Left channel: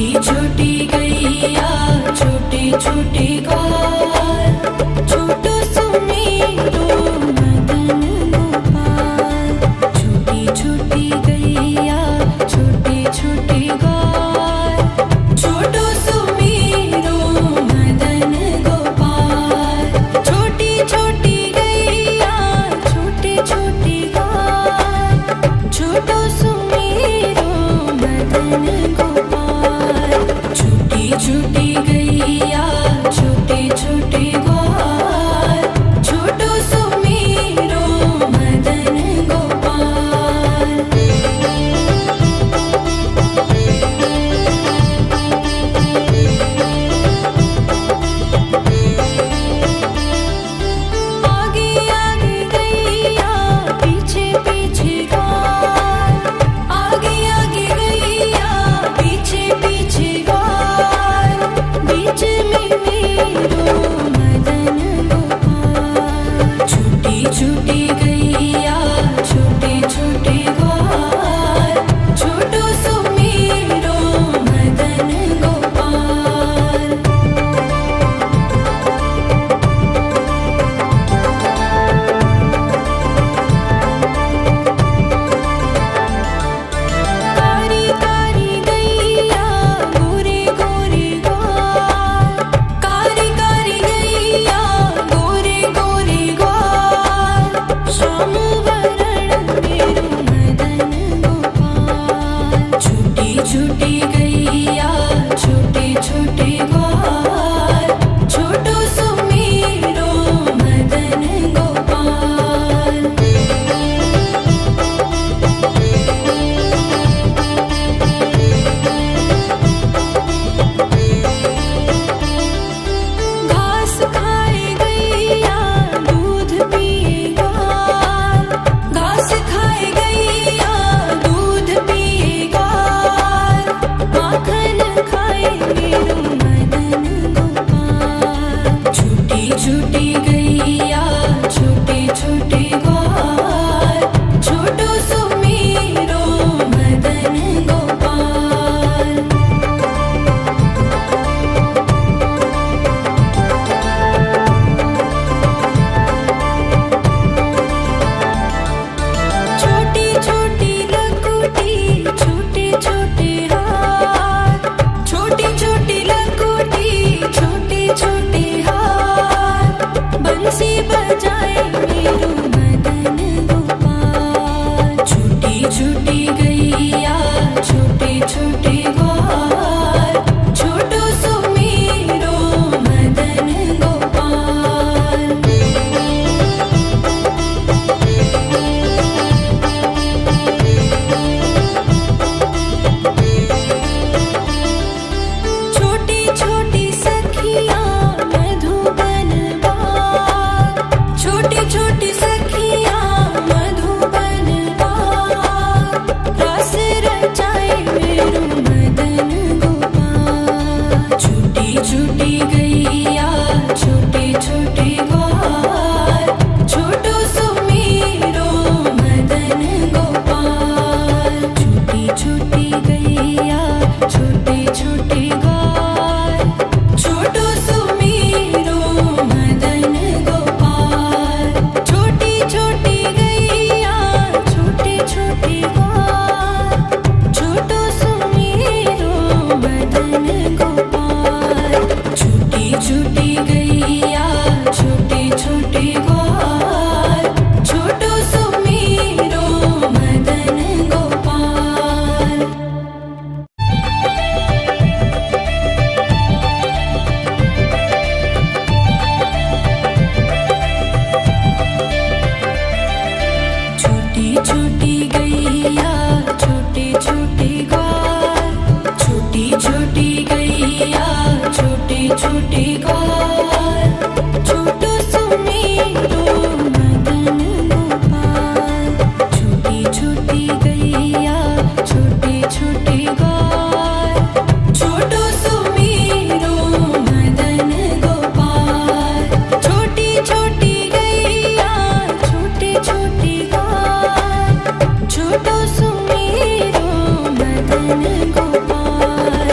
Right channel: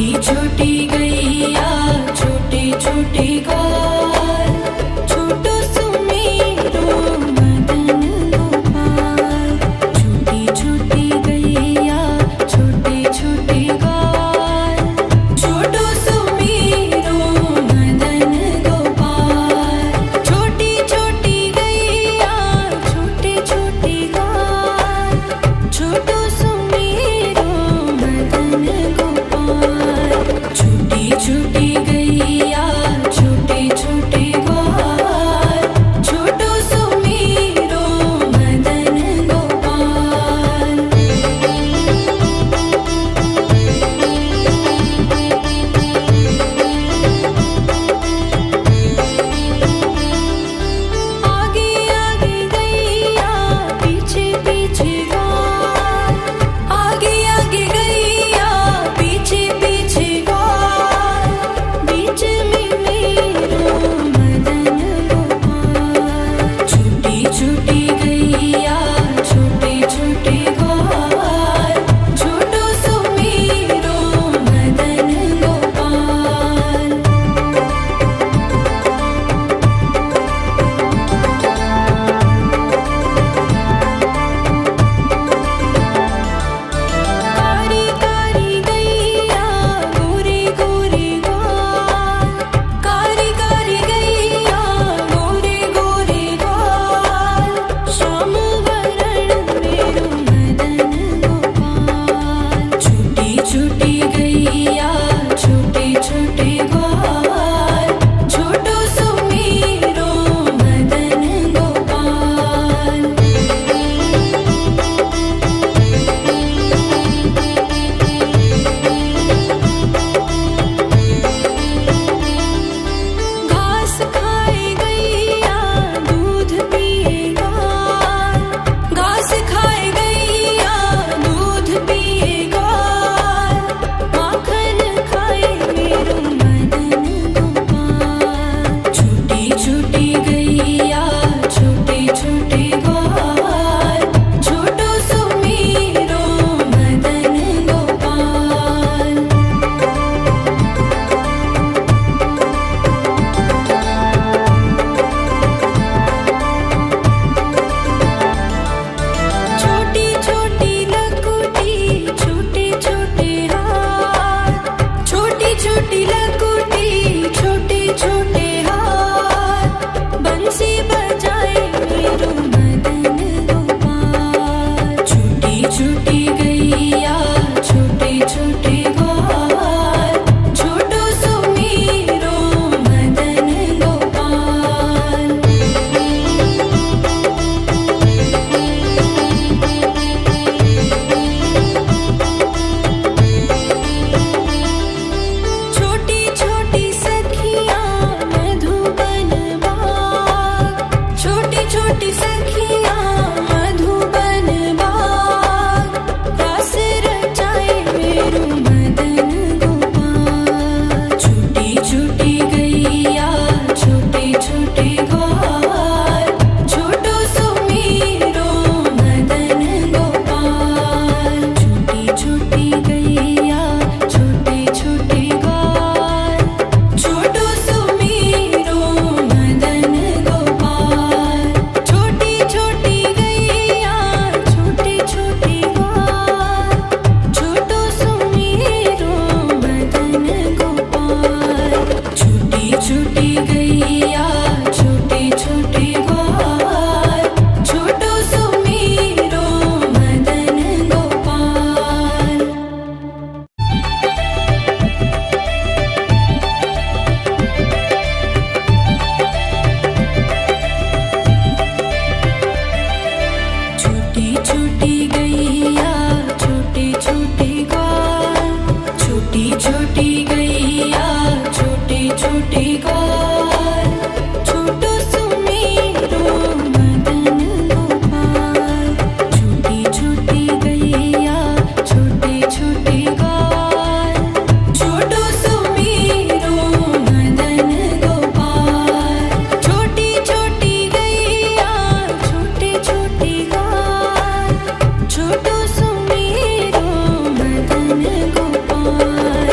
छोटी छोटी गैया छोटे छोटे ग्वाल, छोटो सुमेरो मदन गोपाल। छोटी छोटी गैया छोटे छोटे ग्वाल, छोटो सुमेरो मदन गोपाल। छोटी छोटी गैया छोटे छोटे ग्वाल, छोटो सुमेरो मदन गोपाल। छोटी छोटी गैया छोटे छोटे ग्वाल, छोटो सुमेरो मदन गोपाल। आगे आगे गैया पीछे पीछे ग्वाल, आगे आगे गैया पीछे पीछे ग्वाल। बीच में मेरो मदन गोपाल। छोटी छोटी गैया छोटे छोटे ग्वाल, छोटो सुमेरो मदन गोपाल। कारी कारी गैया गोरे गोरे ग्वाल, कारी कारी गैया गोरे गोरे ग्वाल। श्याम वरण मेरो मदन गोपाल। छोटी छोटी गैया छोटे छोटे ग्वाल, छोटो सुमेरो मदन गोपाल। घास खाए गैया दूध पिए ग्वाल, घास खाए गैया दूध पिए ग्वाल। माखन खाए मेरो मदन गोपाल। छोटी छोटी गैया छोटे छोटे ग्वाल, छोटो सुमेरो मदन गोपाल। छोटी छोटी लकुटी छोटे छोटे हाथ, छोटी छोटी लकुटी छोटे छोटे हाथ। बंसी बजाए मेरो मदन गोपाल। छोटी छोटी गैया छोटे छोटे ग्वाल, छोटो सुमेरो मदन गोपाल। छोटी छोटी सखियाँ मधुबन बाग, छोटी छोटी सखियाँ मधुबन बाग। रास रचाए मेरो मदन गोपाल। छोटी छोटी गैया छोटे छोटे ग्वाल, छोटो सुमेरो मदन गोपाल। छोटी छोटी गैया छोटे छोटे ग्वाल, छोटो सुमेरो मदन गोपाल। छोटी छोटी गैया छोटे छोटे ग्वाल, छोटो सुमेरो मदन गोपाल। छोटी छोटी गैया छोटे छोटे ग्वाल, छोटो सुमेरो मदन गोपाल। छोटी छोटी गैया छोटे छोटे ग्वाल, छोटी छोटी गैया छोटे छोटे ग्वाल, छोटो सुमेरो मदन गोपाल। छोटी छोटी गैया छोटे छोटे ग्वाल, छोटो सुमेरो मदन गोपाल। छोटी छोटी गैया छोटे छोटे ग्वाल, छोटो सुमेरो मदन गोपाल।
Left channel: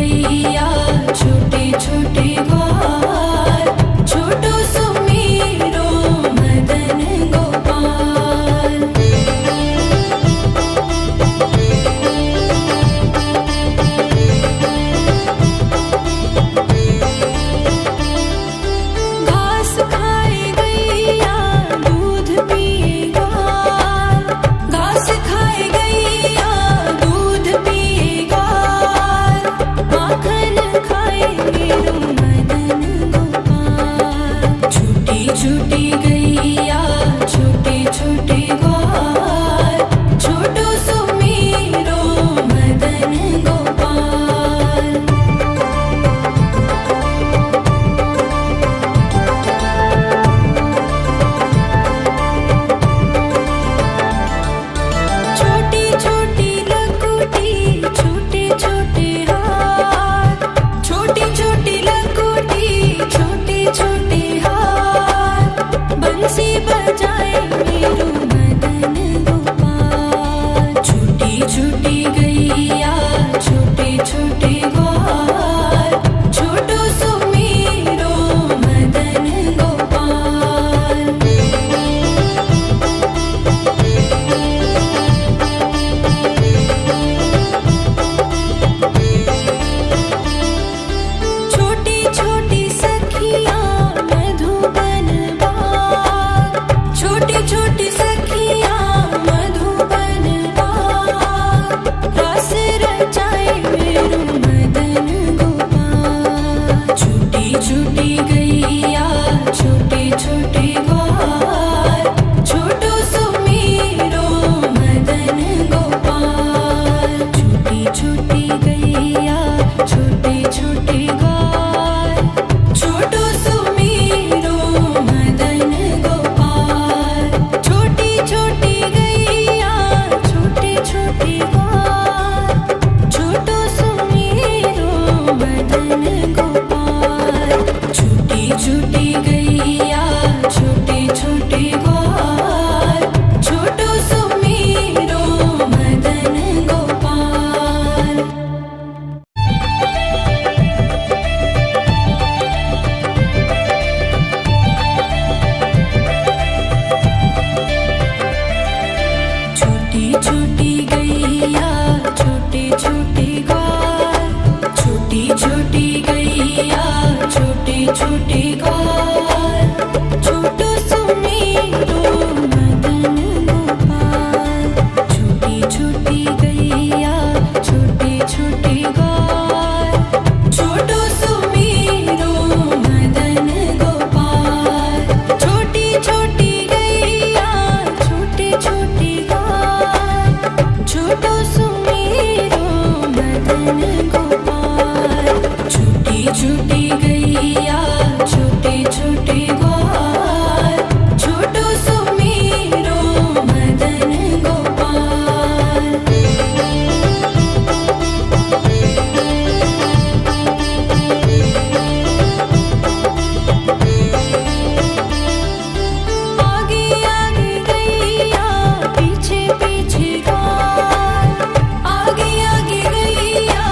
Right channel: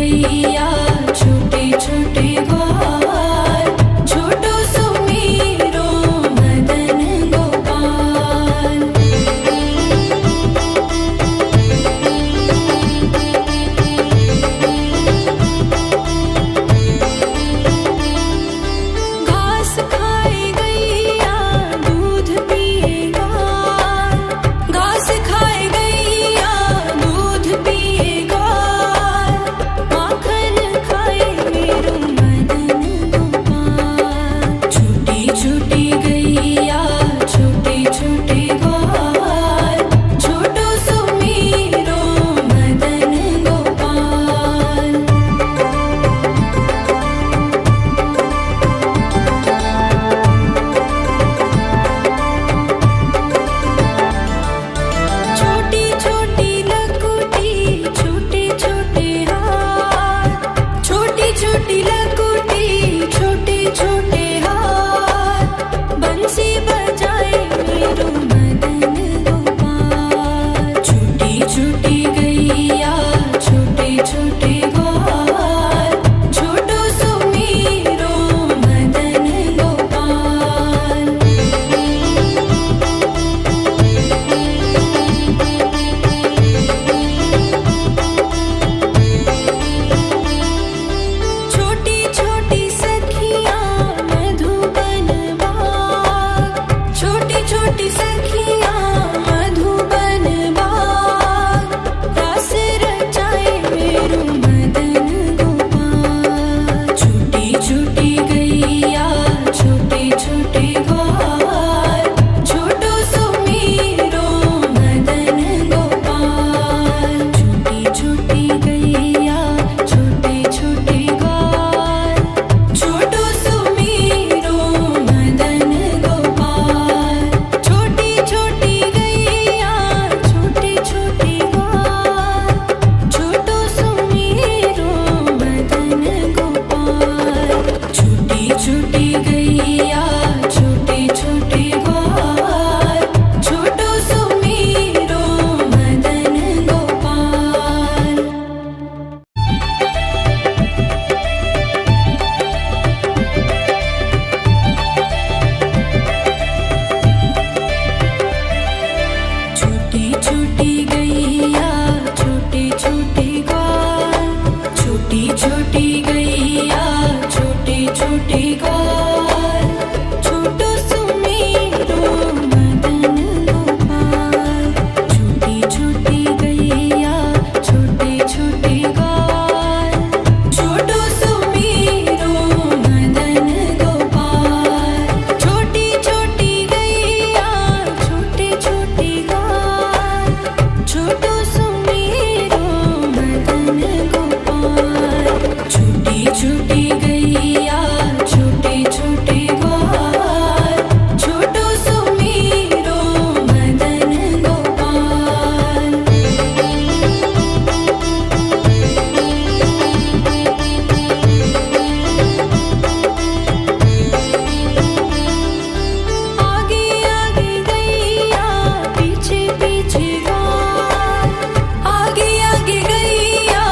गैया छोटे छोटे ग्वाल छोटो सुमेरो मदन गोपाल। घास खाए गैया दूध पिए ग्वाल घास खाए गैया दूध पिए ग्वाल माखन खाए मेरो मदन गोपाल। छोटी छोटी गैया छोटे छोटे ग्वाल छोटो सुमेरो मदन गोपाल। छोटी छोटी लकुटी छोटे छोटे हाथ छोटी छोटी लकुटी छोटे छोटे हाथ बंसी बजाए मेरो मदन गोपाल। छोटी छोटी गैया छोटे छोटे ग्वाल छोटो सुमेरो मदन गोपाल। छोटी छोटी सखियाँ मधुबन बाग छोटी छोटी सखियाँ मधुबन बाग रास रचाए मेरो मदन गोपाल। छोटी छोटी गैया छोटे छोटे ग्वाल छोटो सुमेरो मदन गोपाल। छोटी छोटी गैया छोटे छोटे ग्वाल छोटो सुमेरो मदन गोपाल। छोटी छोटी गैया छोटे छोटे ग्वाल छोटो सुमेरो मदन गोपाल। छोटी छोटी गैया छोटे छोटे ग्वाल छोटो सुमेरो मदन गोपाल। छोटी छोटी गैया छोटे छोटे ग्वाल छोटी छोटी गैया छोटे छोटे ग्वाल छोटो सुमेरो मदन गोपाल। छोटी छोटी गैया छोटे छोटे ग्वाल छोटो सुमेरो मदन गोपाल। छोटी छोटी गैया छोटे छोटे ग्वाल छोटो सुमेरो मदन गोपाल। छोटी छोटी गैया छोटे छोटे ग्वाल छोटो सुमेरो मदन गोपाल। आगे आगे गैया पीछे पीछे ग्वाल आगे आगे गैया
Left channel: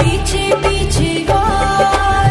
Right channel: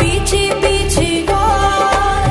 पीछे पीछे ग्वाल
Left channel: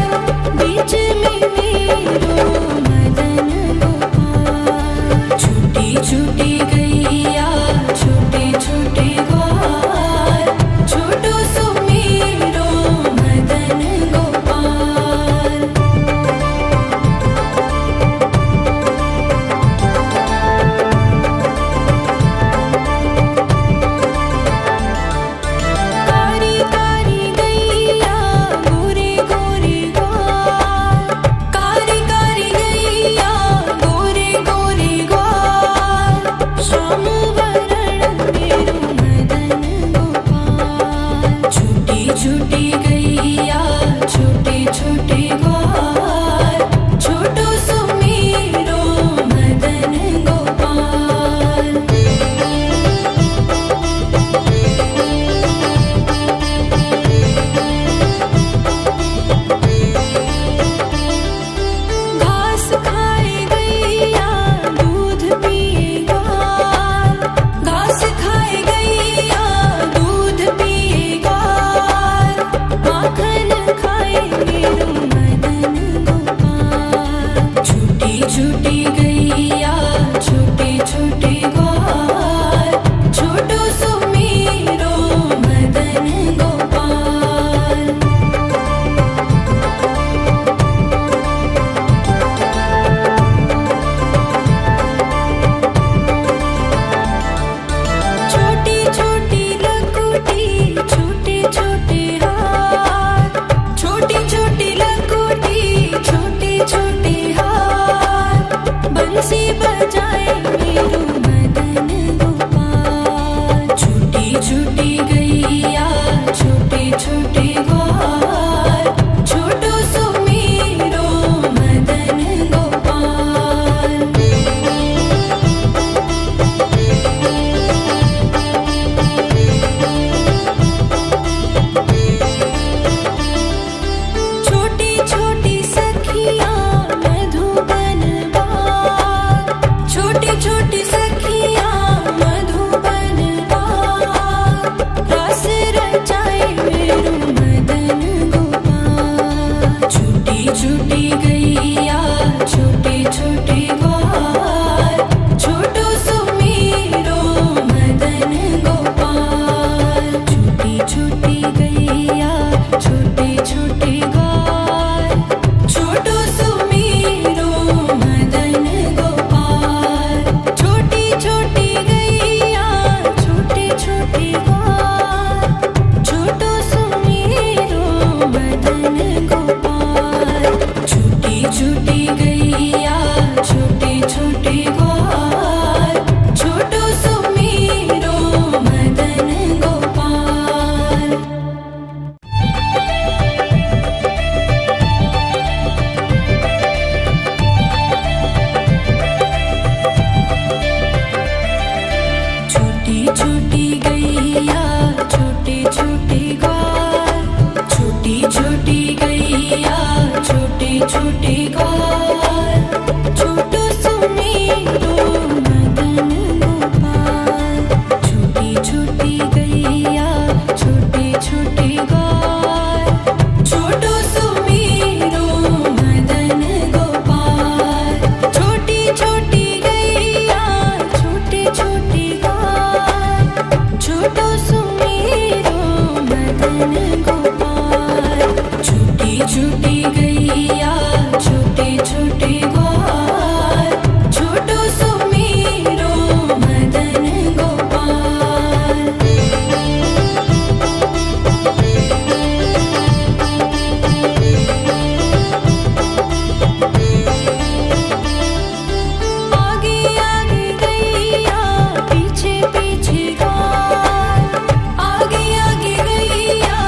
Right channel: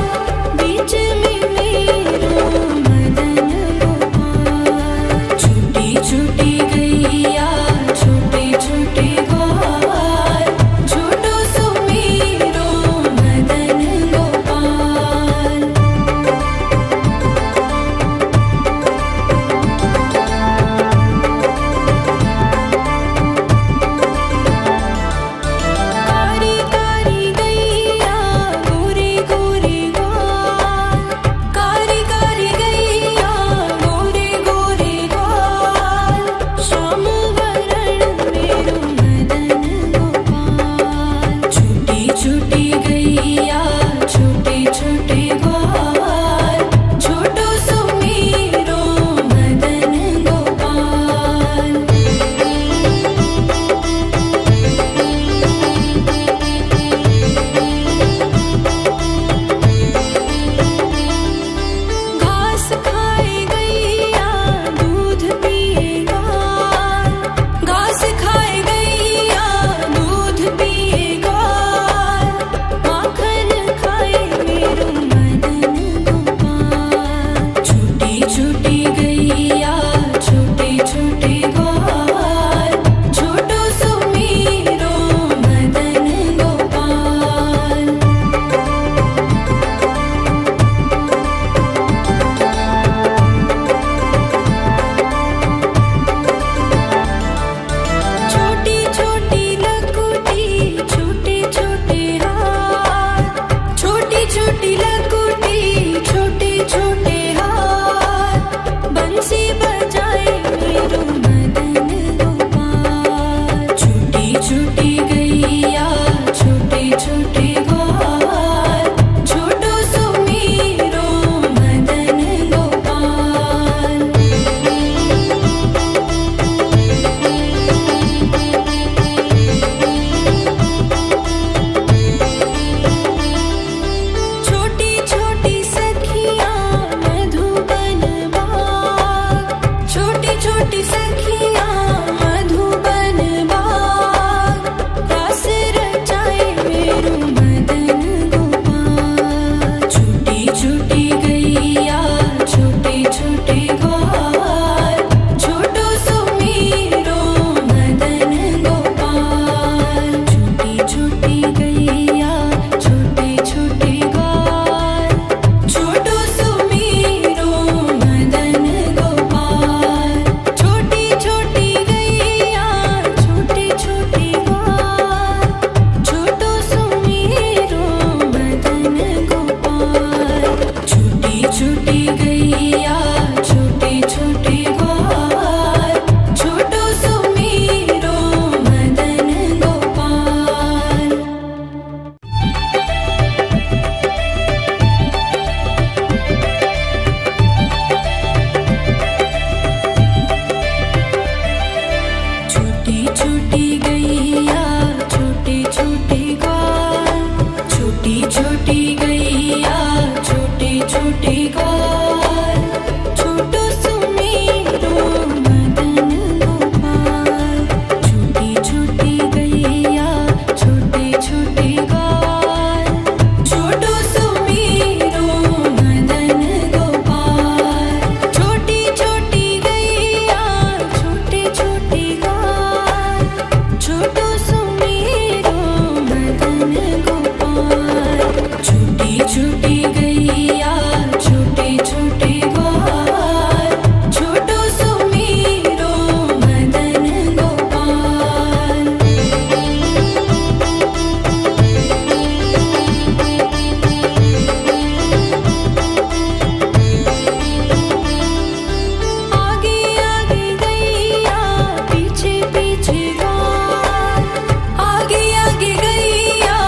छूटी गैया छोटे छोटे ग्वाल छोटो सुमीरो मदन गोपाल। आगे आगे गैया पीछे पीछे ग्वाल आगे आगे गैया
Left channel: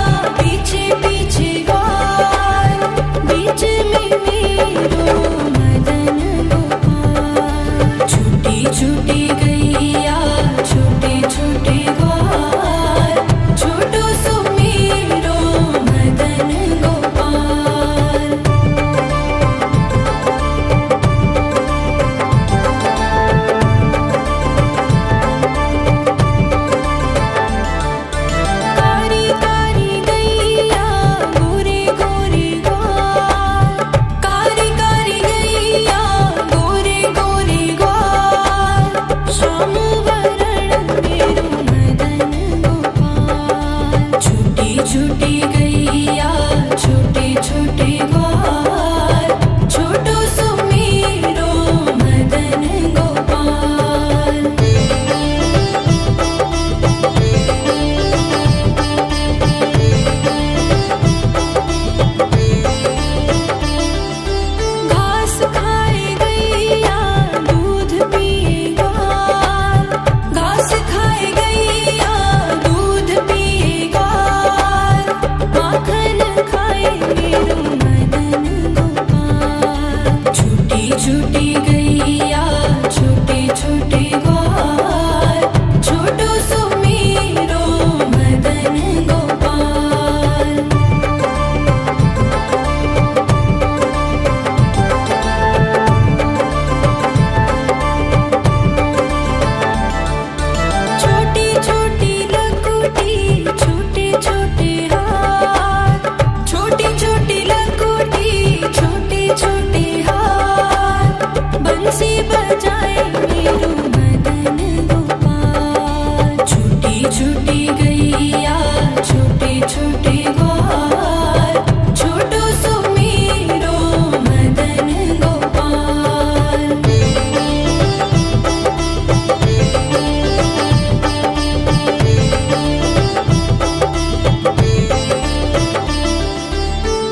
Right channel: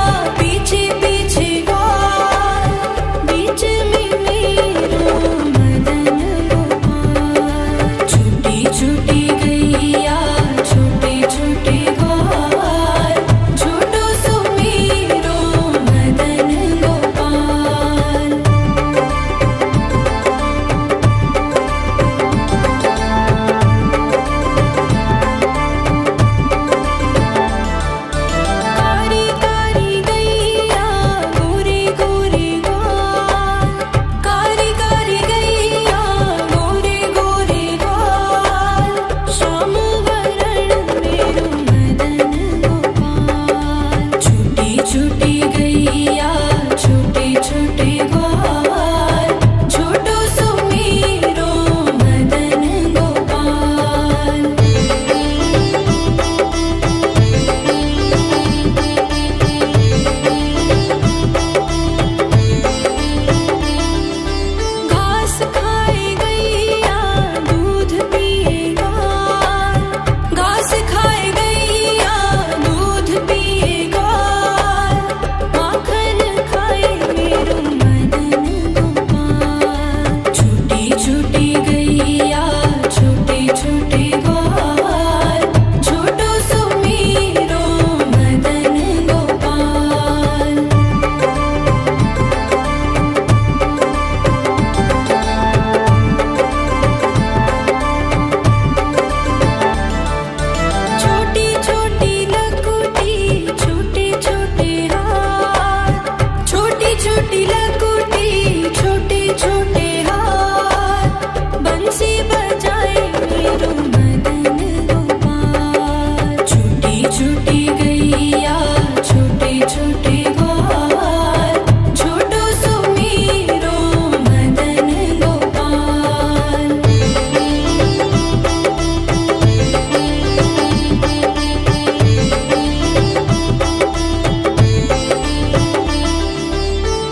पीछे पीछे ग्वाल बीच में मेरो मदन गोपाल। छोटी छोटी गैया छोटे छोटे ग्वाल छोटो सुमीरो मदन गोपाल। कारी कारी गैया गोरे गोरे ग्वाल कारी कारी गैया गोरे गोरे ग्वाल श्याम वरण मेरो मदन गोपाल। छोटी छोटी गैया छोटे छोटे ग्वाल छोटो सुमीरो मदन गोपाल। घास खाए गैया दूध पिए ग्वाल घास खाए गैया दूध पिए ग्वाल माखन खाए मेरो मदन गोपाल। छोटी छोटी गैया छोटे छोटे ग्वाल छोटो सुमीरो मदन गोपाल। छोटी छोटी लकुटी छोटे छोटे हाथ छोटी छोटी लकुटी छोटे छोटे हाथ बंसी बजाए मेरो मदन गोपाल। छोटी छोटी गैया छोटे छोटे ग्वाल छोटो सुमीरो मदन गोपाल।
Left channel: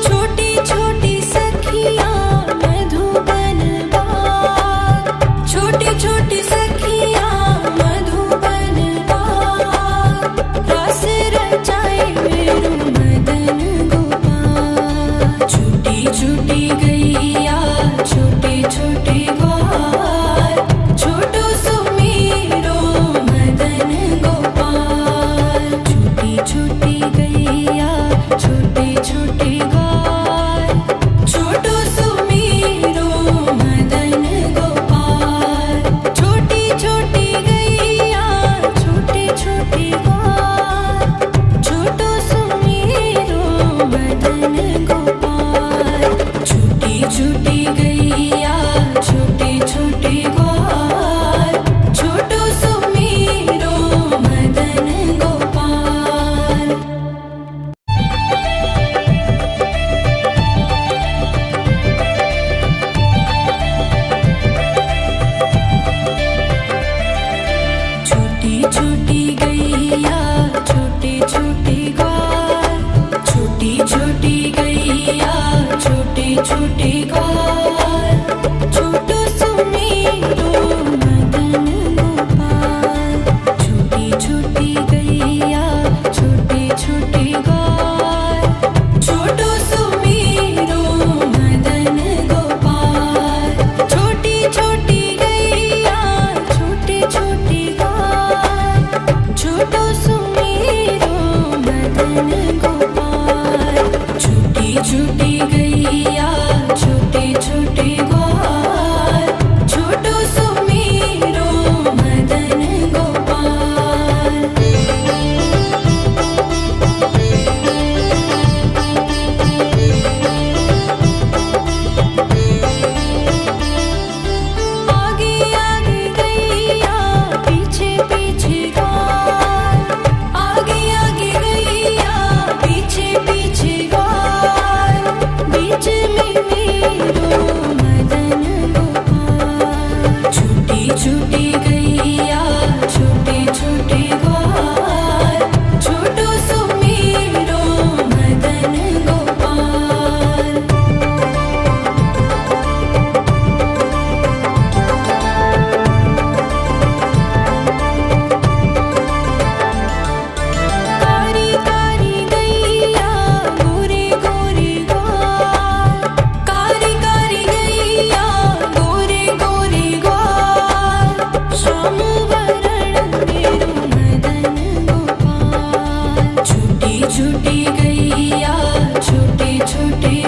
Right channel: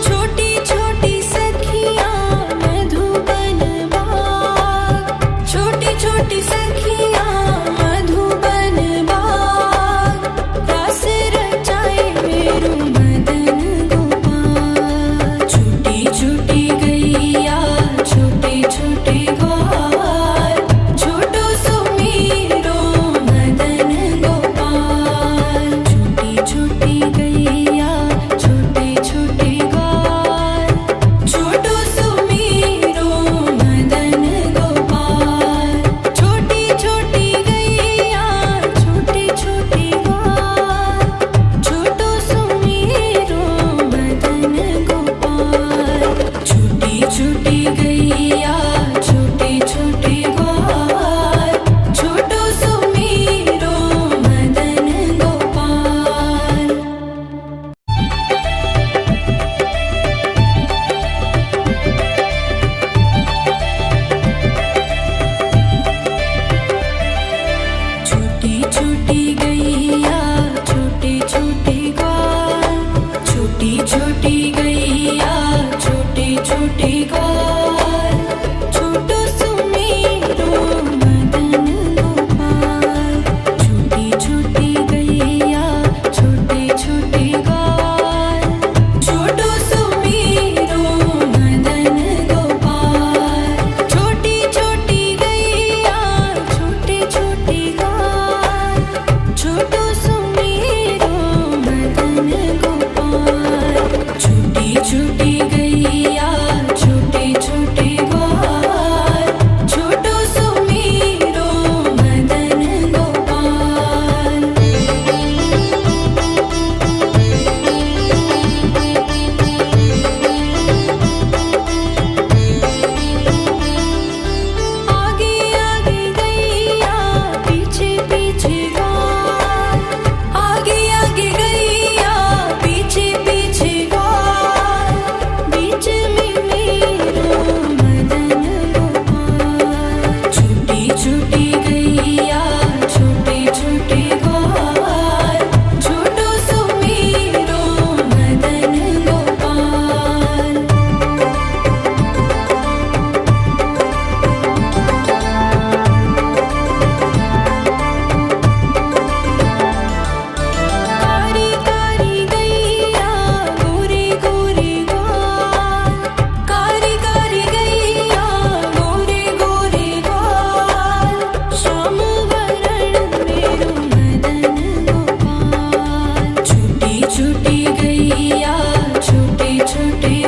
छोटी छोटी सखियाँ मधुबन बाग छोटी छोटी सखियाँ मधुबन बाग रस रचाए मेरो मदन गोपाल। छोटी छोटी गैया छोटे छोटे ग्वाल छोटो सुमीरो मदन गोपाल। छोटी छोटी गैया छोटे छोटे ग्वाल छोटो सुमीरो मदन गोपाल। छोटी छोटी गैया छोटे छोटे ग्वाल छोटो सुमीरो मदन गोपाल। छोटी छोटी गैया छोटे छोटे ग्वाल छोटो सुमीरो मदन गोपाल। छोटी छोटी गैया छोटे छोटे ग्वाल छोटी छोटी गैया छोटे छोटे ग्वाल छोटो सुमीरो मदन गोपाल। छोटी छोटी गैया छोटे छोटे ग्वाल छोटो सुमीरो मदन गोपाल। छोटी छोटी गैया छोटे छोटे ग्वाल छोटो सुमीरो मदन गोपाल। छोटी छोटी गैया छोटे छोटे ग्वाल छोटो सुमीरो मदन गोपाल। आगे आगे गैया पीछे पीछे ग्वाल आगे आगे गैया पीछे पीछे ग्वाल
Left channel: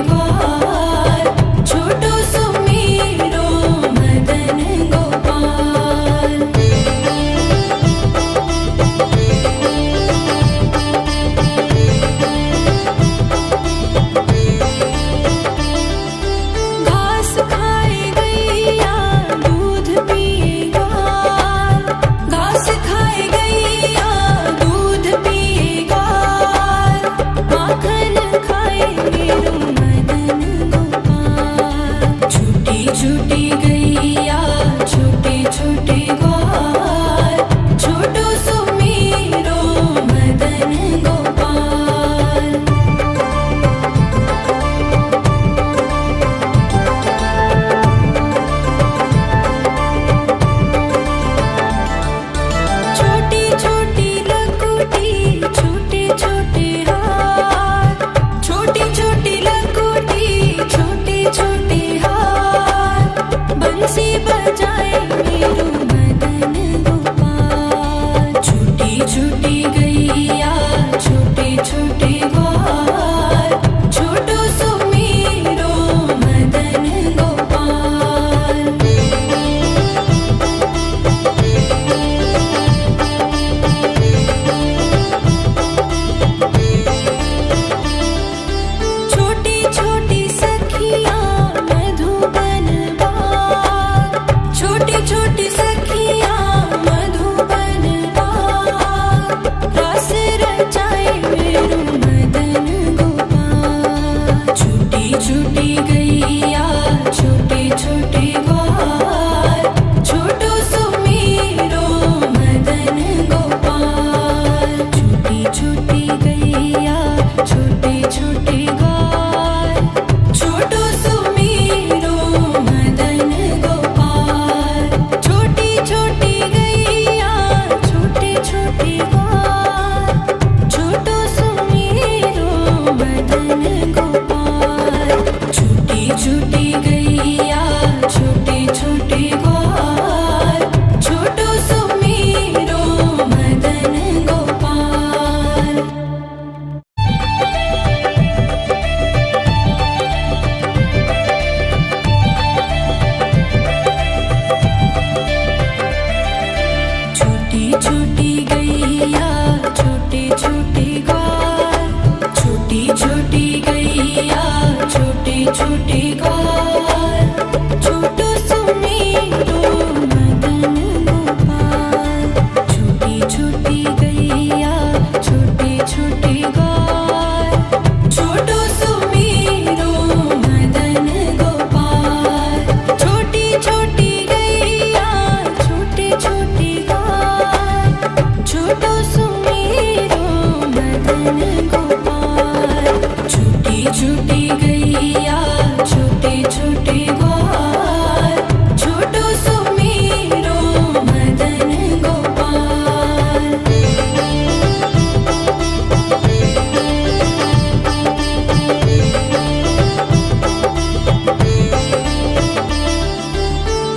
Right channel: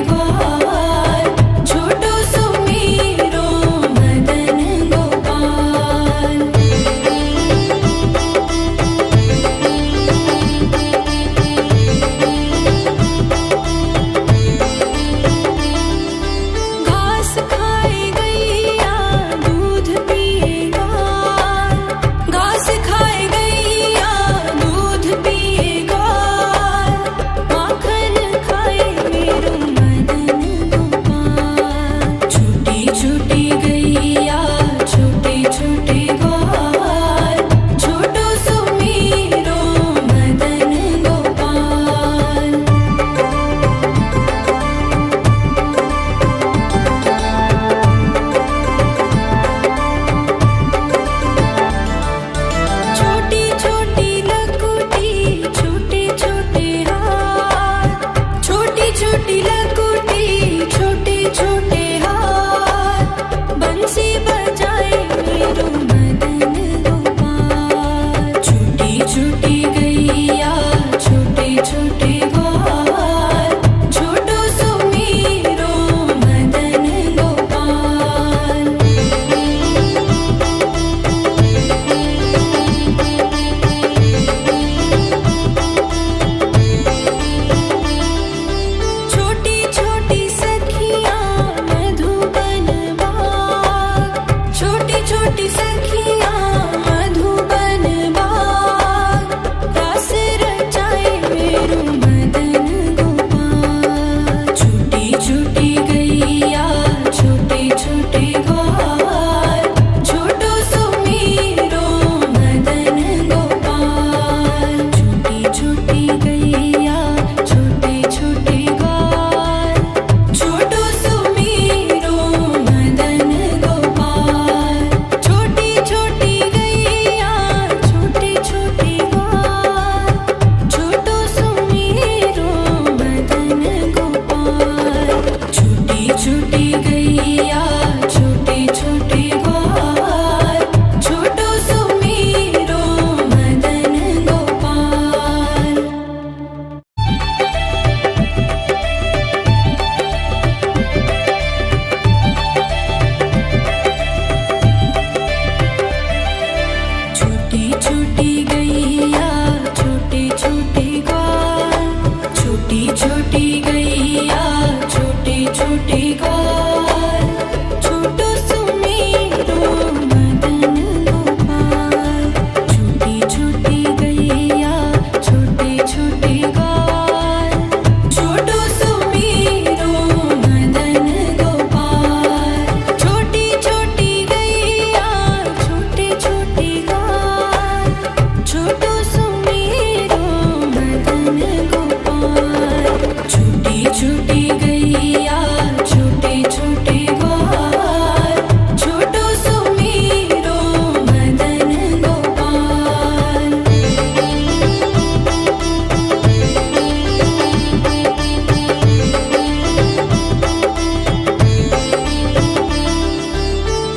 ग्वाल, छोटो सुमेरो मदन गोपाल। घास खाए गैया दूध पिए ग्वाल, घास खाए गैया दूध पिए ग्वाल, माखन खाए मेरो मदन गोपाल। छोटी छोटी गैया छोटे छोटे ग्वाल, छोटो सुमेरो मदन गोपाल। छोटी छोटी लकुटी छोटे छोटे हाथ, छोटी छोटी लकुटी छोटे छोटे हाथ, बंसी बजाए मेरो मदन गोपाल। छोटी छोटी गैया छोटे छोटे ग्वाल, छोटो सुमेरो मदन गोपाल। छोटी छोटी सखियाँ मधुबन बाग, छोटी छोटी सखियाँ मधुबन बाग, रास रचाए मेरो मदन गोपाल। छोटी छोटी गैया छोटे छोटे ग्वाल, छोटो सुमेरो मदन गोपाल। छोटी छोटी गैया छोटे छोटे ग्वाल, छोटो सुमेरो मदन गोपाल। छोटी छोटी गैया छोटे छोटे ग्वाल, छोटो सुमेरो मदन गोपाल। छोटी छोटी गैया छोटे छोटे ग्वाल, छोटो सुमेरो मदन गोपाल। छोटी छोटी गैया छोटे छोटे ग्वाल, छोटी छोटी गैया छोटे छोटे ग्वाल, छोटो सुमेरो मदन गोपाल। छोटी छोटी गैया छोटे छोटे ग्वाल, छोटो सुमेरो मदन गोपाल। छोटी छोटी गैया छोटे छोटे ग्वाल, छोटो सुमेरो मदन गोपाल। छोटी छोटी गैया छोटे छोटे ग्वाल, छोटो सुमेरो मदन गोपाल।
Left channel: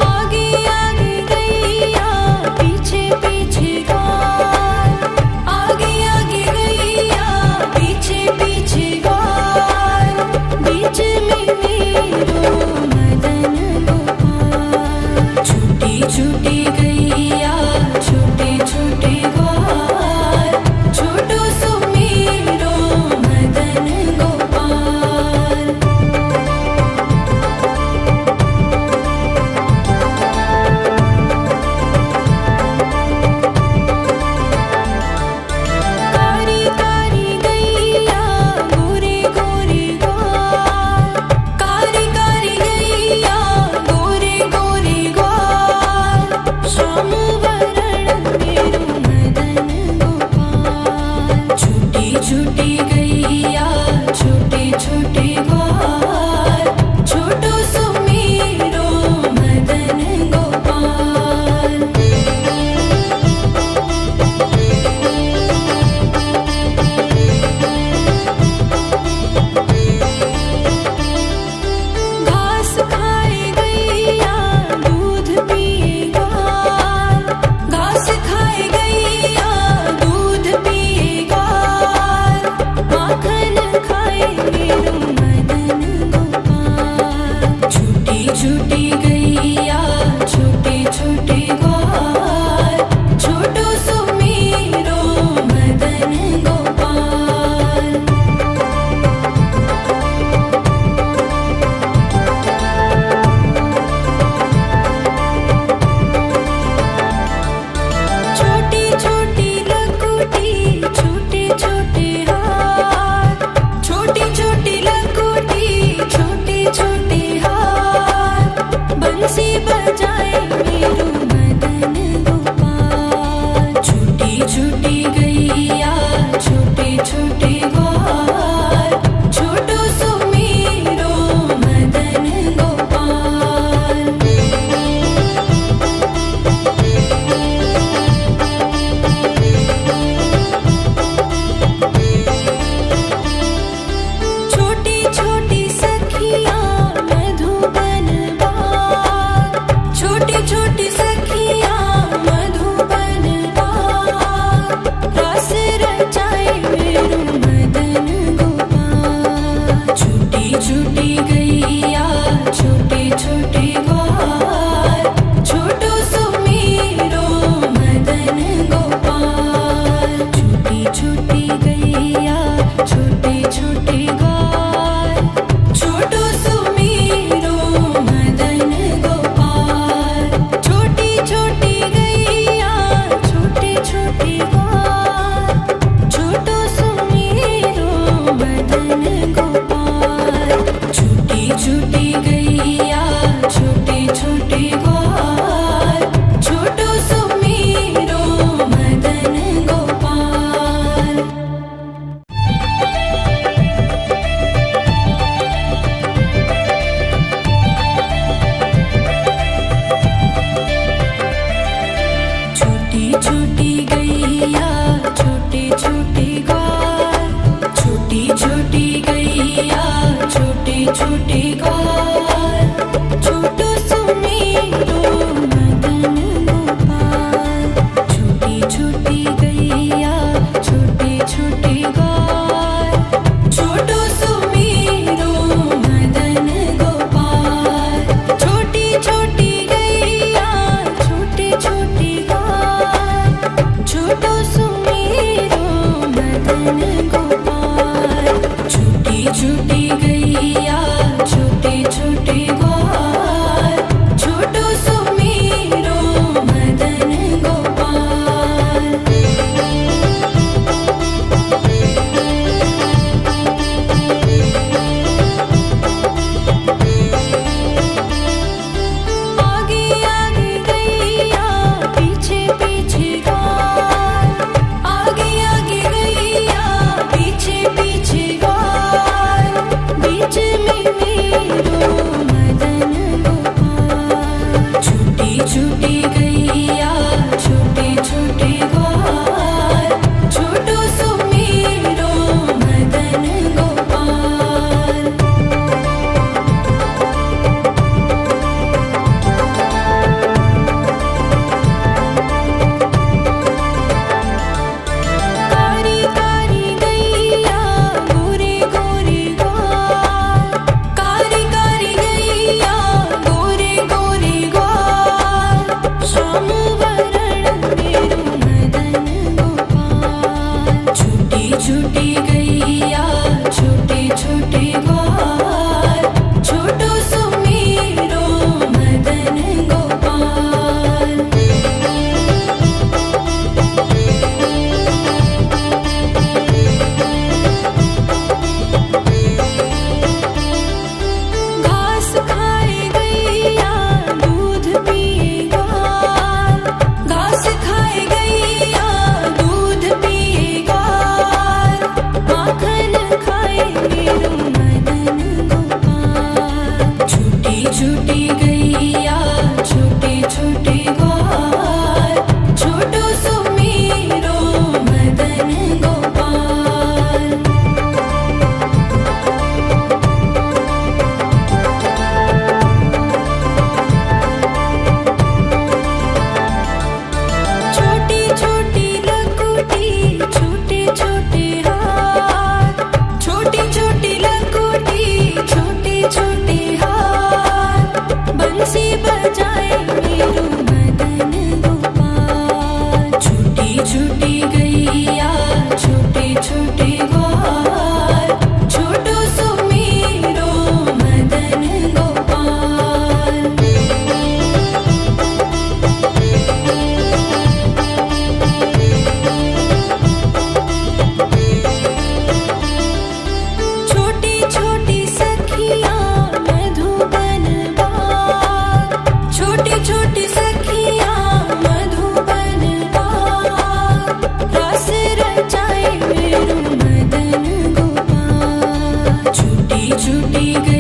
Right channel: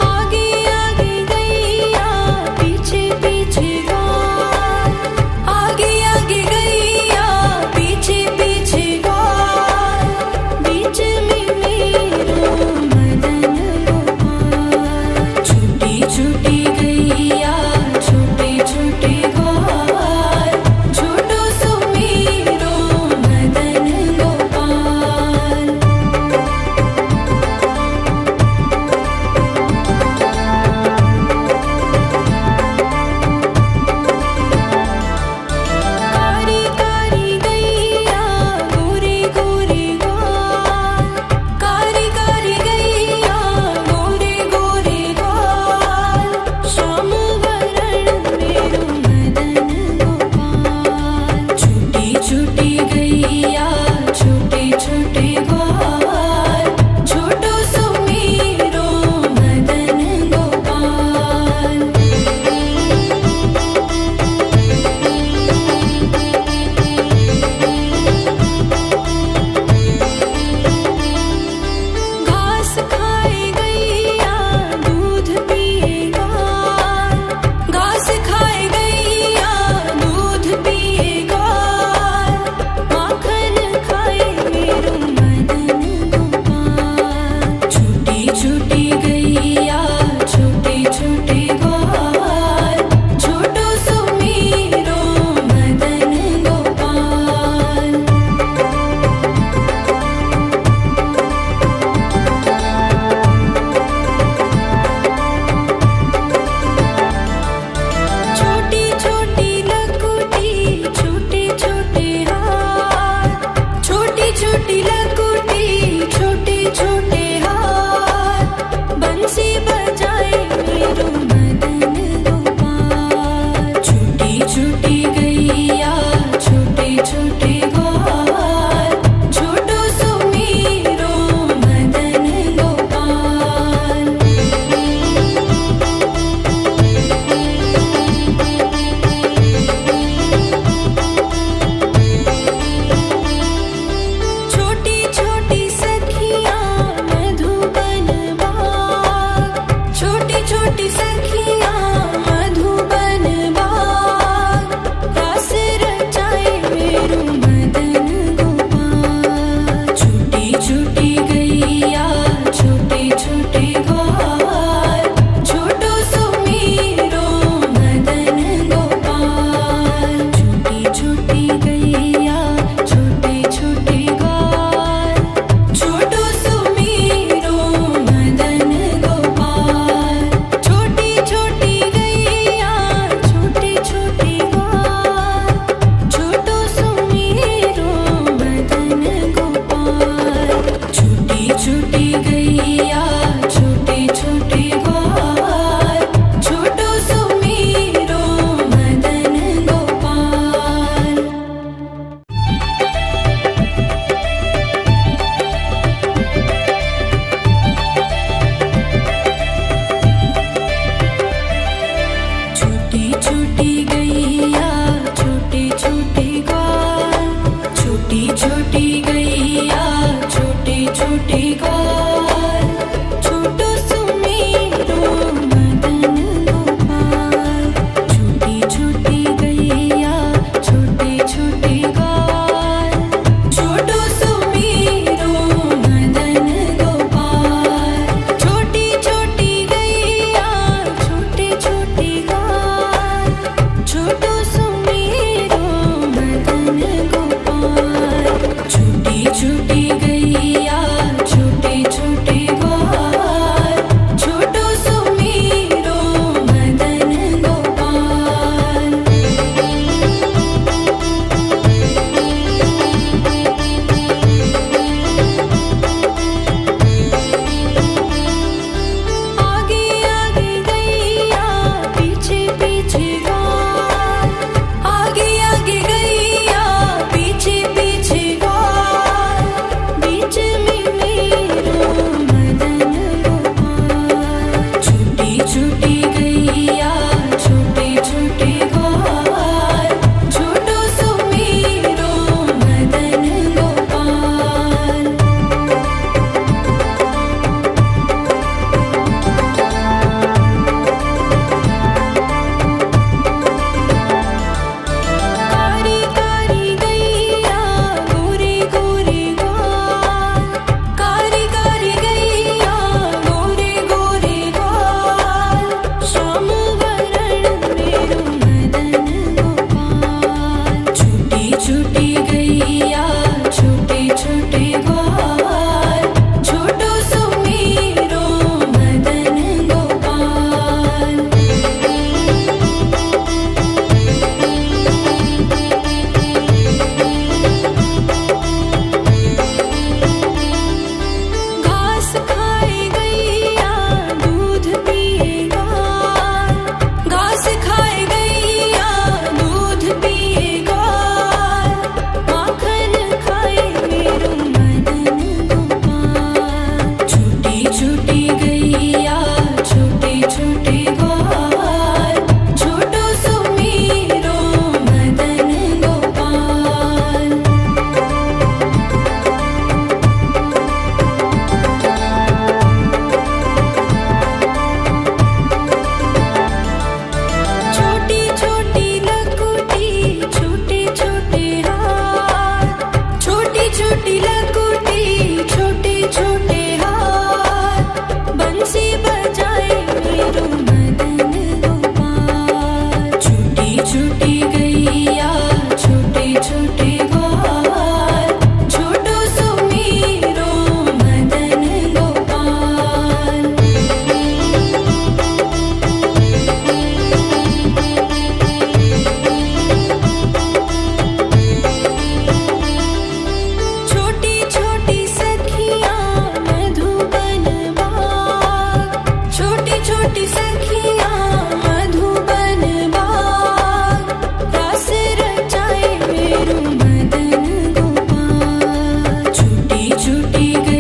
आगे आगे गैया पीछे पीछे ग्वाल, आगे आगे गैया पीछे पीछे ग्वाल, बीच में छूटी गैया छोटे छोटे ग्वाल छोटो सुमेरो मदन गोपाल। छोटी छोटी लकुटी छोटे छोटे हाथ छोटी छोटी लकुटी छोटे छोटे हाथ बंसी बजाए मेरो मदन गोपाल। छूटी छूटी गैया छोटे छोटे ग्वाल छोटो सुमेरो मदन गोपाल। छोटी छोटी सखियाँ मधुबन बाग छोटी छोटी सखियाँ मधुबन बाग रास रचाए मेरो मदन गोपाल। छूटी छूटी गैया छोटे छोटे ग्वाल छोटो सुमेरो मदन गोपाल। छूटी छूटी गैया छोटे छोटे ग्वाल छोटो सुमेरो मदन गोपाल। छोटी छोटी गैया छोटे छोटे ग्वाल छोटो सुमेरो मदन गोपाल। छूटी छूटी गैया छोटे छोटे ग्वाल छोटो सुमेरो मदन गोपाल। छोटी छोटी गैया छोटे छोटे ग्वाल छोटी छोटी गैया छोटे छोटे ग्वाल छोटो सुमेरो मदन गोपाल। छोटी छोटी गैया छोटे छोटे ग्वाल छोटो सुमेरो मदन गोपाल। छोटी छोटी गैया छोटे छोटे ग्वाल छोटो सुमेरो मदन गोपाल। छूटी छूटी गैया छोटे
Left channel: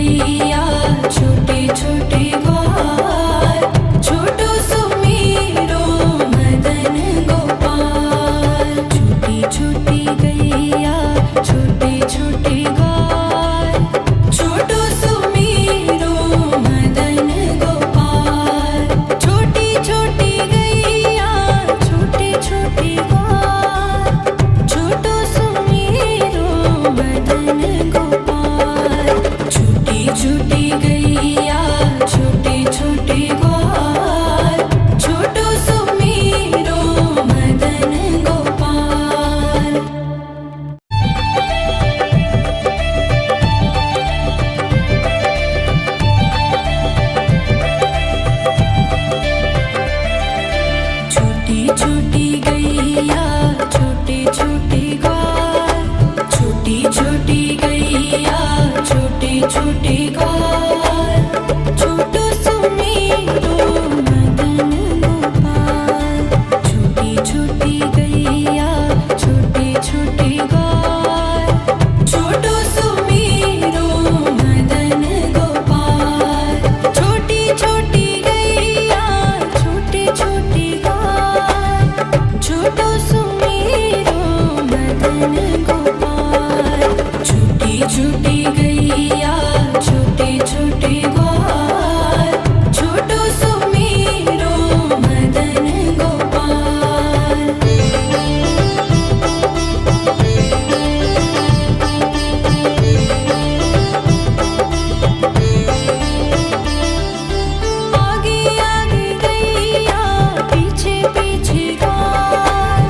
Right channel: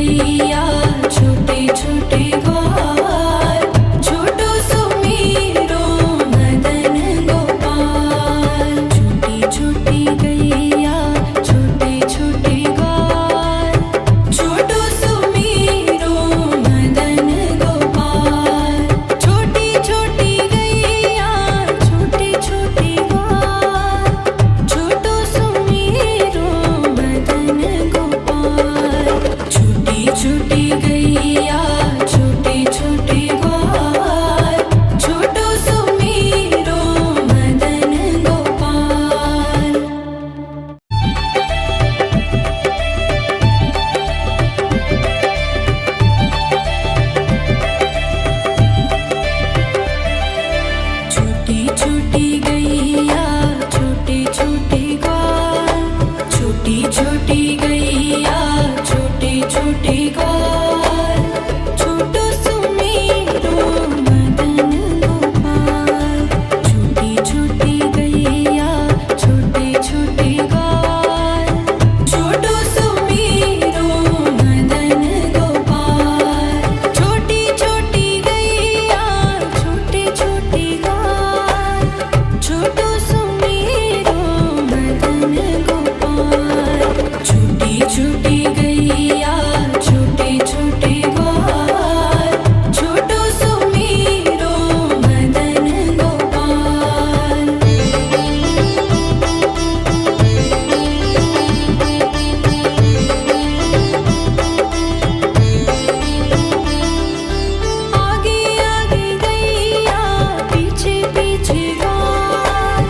गैया छोटे छोटे ग्वाल, छोटो सुमेरो मदन गोपाल। छोटी छोटी गैया छोटे छोटे ग्वाल, छोटो सुमेरो मदन गोपाल। छोटी छोटी गैया छोटे छोटे ग्वाल, छोटो सुमेरो मदन गोपाल। छोटी छोटी गैया छोटे छोटे ग्वाल, छोटो सुमेरो मदन गोपाल। छोटी छोटी गैया छोटे छोटे ग्वाल, छोटी छोटी गैया छोटे छोटे ग्वाल, छोटो सुमेरो मदन गोपाल। छोटी छोटी गैया छोटे छोटे ग्वाल, छोटो सुमेरो मदन गोपाल। छोटी छोटी गैया छोटे छोटे ग्वाल, छोटो सुमेरो मदन गोपाल। छोटी छोटी गैया छोटे छोटे ग्वाल, छोटो सुमेरो मदन गोपाल। आगे आगे गैया पीछे पीछे ग्वाल,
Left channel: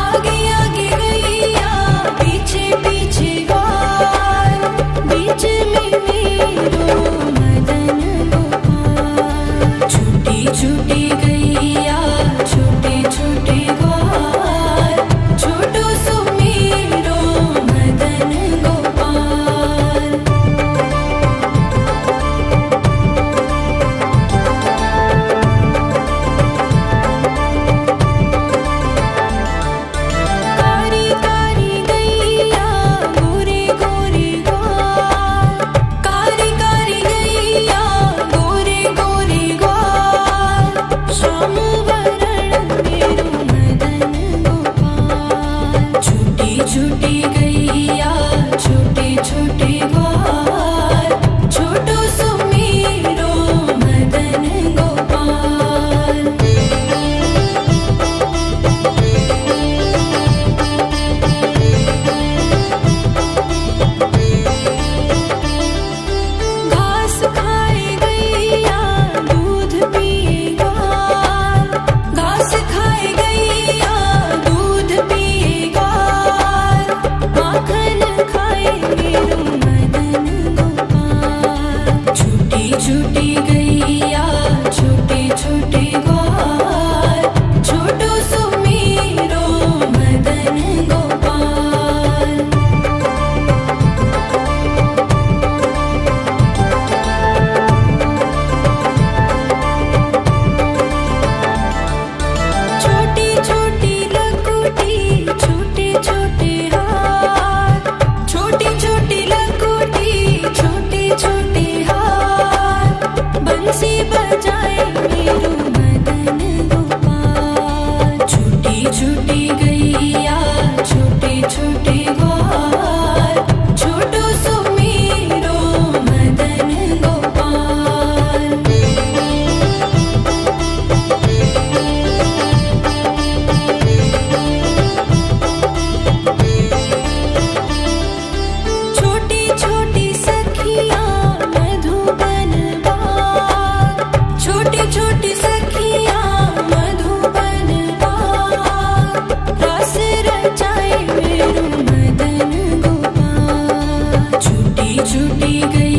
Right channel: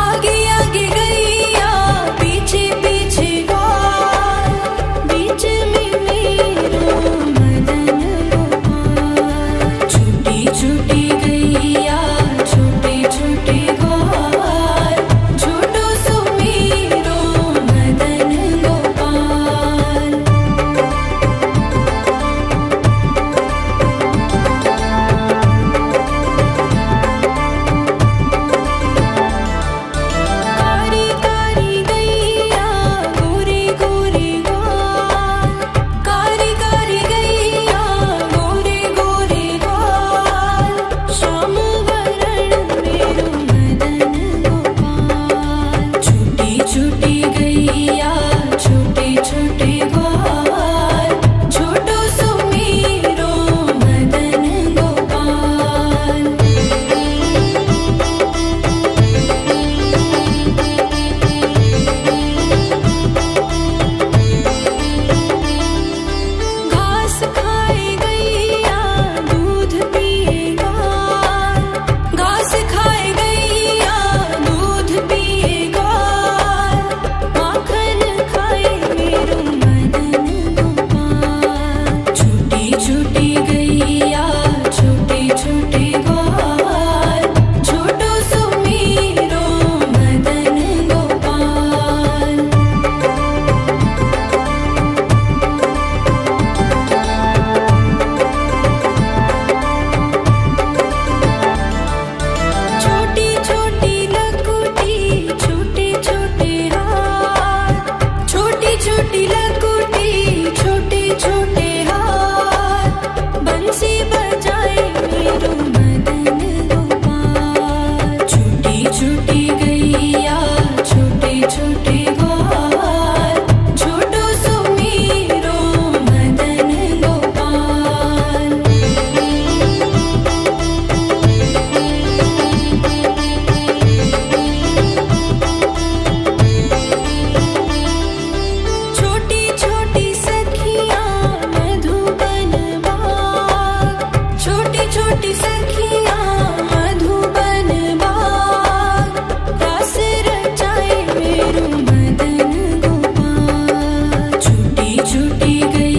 आगे आगे गैया पीछे पीछे ग्वाल। बीच में मेरो मदन गोपाल। छोटी छोटी गैया छोटे छोटे ग्वाल, छोटो सुमेरो मदन गोपाल। कारी कारी गैया गोरे गोरे ग्वाल, कारी कारी गैया गोरे गोरे ग्वाल। श्याम वरण मेरो मदन गोपाल। छोटी छोटी गैया छोटे छोटे ग्वाल, छोटो सुमेरो मदन गोपाल। घास खाए गैया दूध पिए ग्वाल, घास खाए गैया दूध पिए ग्वाल। माखन खाए मेरो मदन गोपाल। छोटी छोटी गैया छोटे छोटे ग्वाल, छोटो सुमेरो मदन गोपाल। छोटी छोटी लकुटी छोटे छोटे हाथ, छोटी छोटी लकुटी छोटे छोटे हाथ। बंसी बजाए मेरो मदन गोपाल। छोटी छोटी गैया छोटे छोटे ग्वाल, छोटो सुमेरो मदन गोपाल। छोटी छोटी सखियाँ मधुबन बाग, छोटी छोटी सखियाँ मधुबन बाग। रास रचाए मेरो मदन गोपाल। छोटी छोटी गैया